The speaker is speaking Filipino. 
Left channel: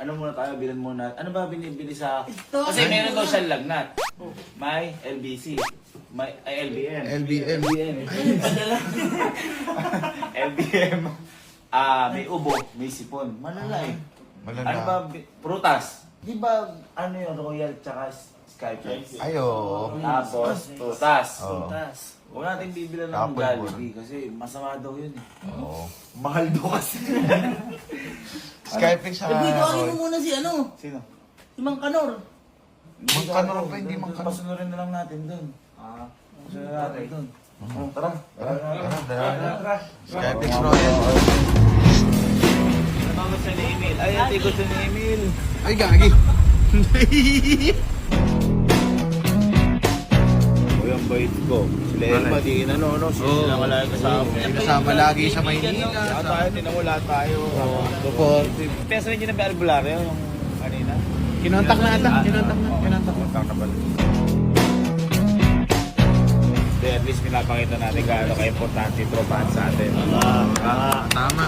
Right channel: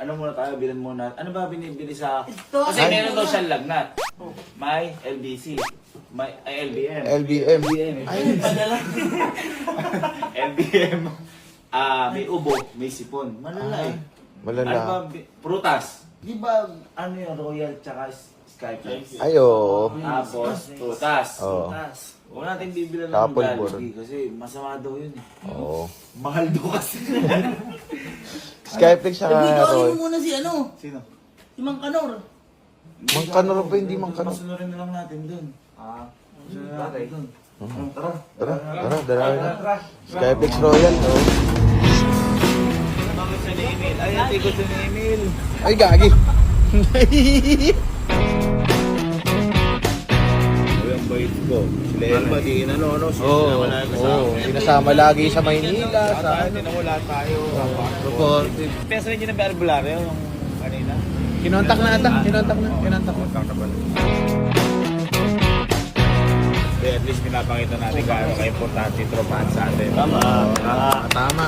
ano muna tayo, bilhin muna. Ano ba binibili sa... Ito, Kasi ay, meron daw muna. siyang lagnat. May LBC. May LBM. LBM. Ay, padala. LBM. May ubo, may sipon. Malala eh. Malala. Ano ba, prutas. Di ba, ano yung Royal tsaka Skyflex? Ay, oo. Tapos, prutas. Oo. Huwag natin bibilan ng Tapos, Jollibee kasi masama daw yun eh. Oo. Mahal daw kasi. Skyflex siya Sabi ko, mo muna si ano? Sino? Si Mang Kanor. Mang Kanor ba, hindi Mang Kanor? Pasunurin na lang natin dun. Pasunurin natin dun. Tara. Tara. Skyflex mo yan. Namangot siya ni Emil. Ay, tikot siya ni Emil. Ay, gagi. O yung bait ko. Sila Elma, di inano, no? Sila wala yung kasama. Sinasama lagi sa Maynila. Lahat tayo, tinamula tayo. Opo. Peso rin yun ang albularyo yung kanina. Kinontak na ata. Kinontak na. Kontak na pala. At least pinapakita natin gaano ka-importante yung tropahan sa atin. Tama.